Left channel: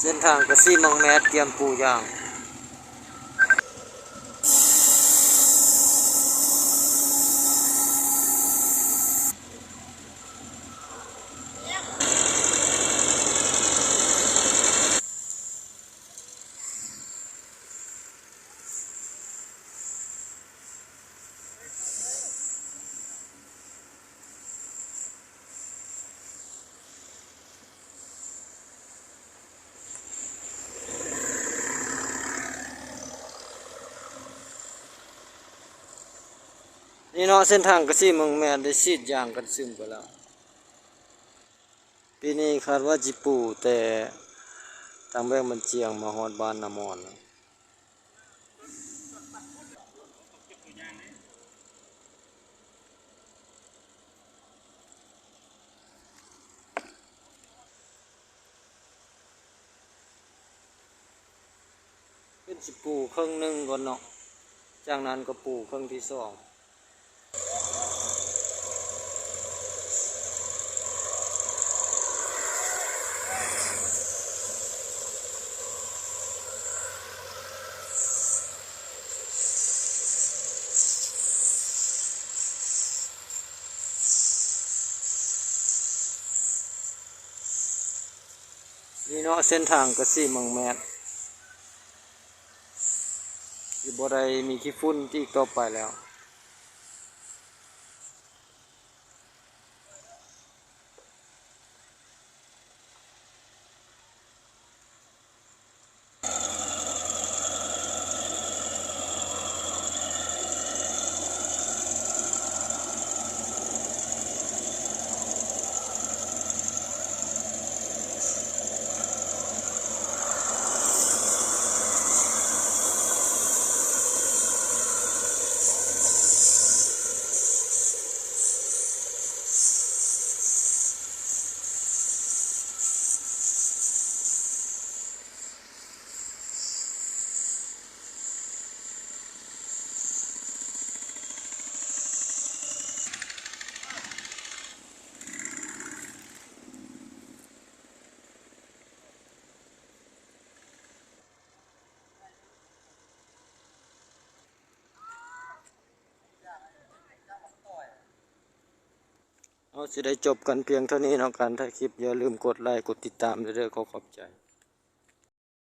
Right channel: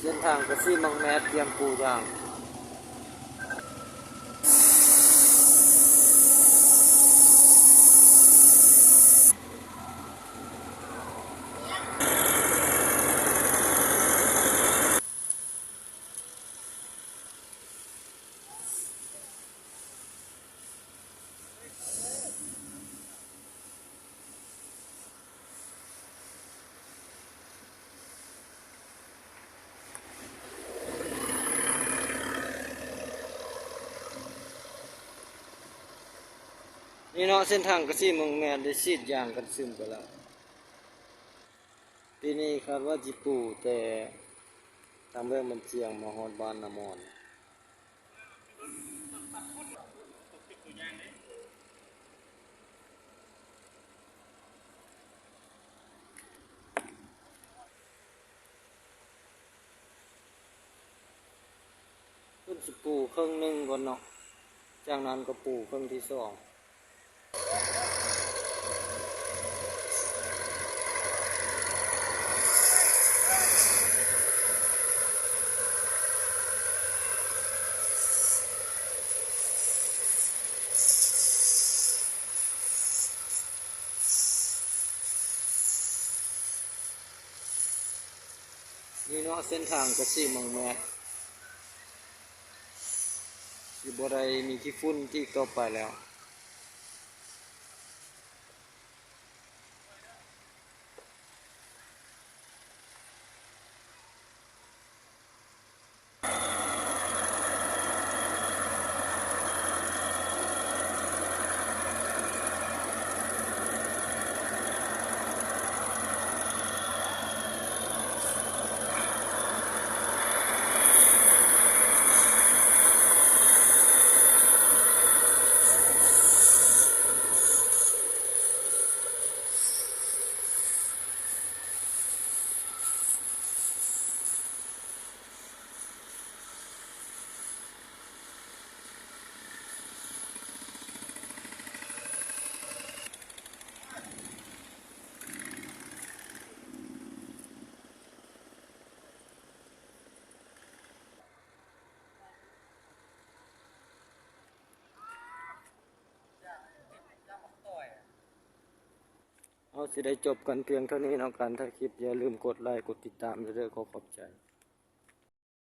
เส้นทางกระซี่มังแมดเตรียมปูยางนี่เนาะเส้นทางกระซี่มังแมดได้ซีดยางกันซึมไปแล้วปีนี้คาดว่าจิปูแต่ทางแบงมันเจียงมาฮอดบ้านนามอนขึ้นสิปูครึ่งหนึ่งก่อนเนาะจากนั้นก็ปูครึ่งที่สองนี่เนาะเส้นทางกระซี่มังแมดอยู่บ่ได้มีขี้ฝุ่นที่ต่อไปแล้วเอาสิได้จบกันเพียงเท่านี้เนาะการถ่ายคลิปอย่าลืมกดไลค์กดติดตามเด้อขอขอบใจ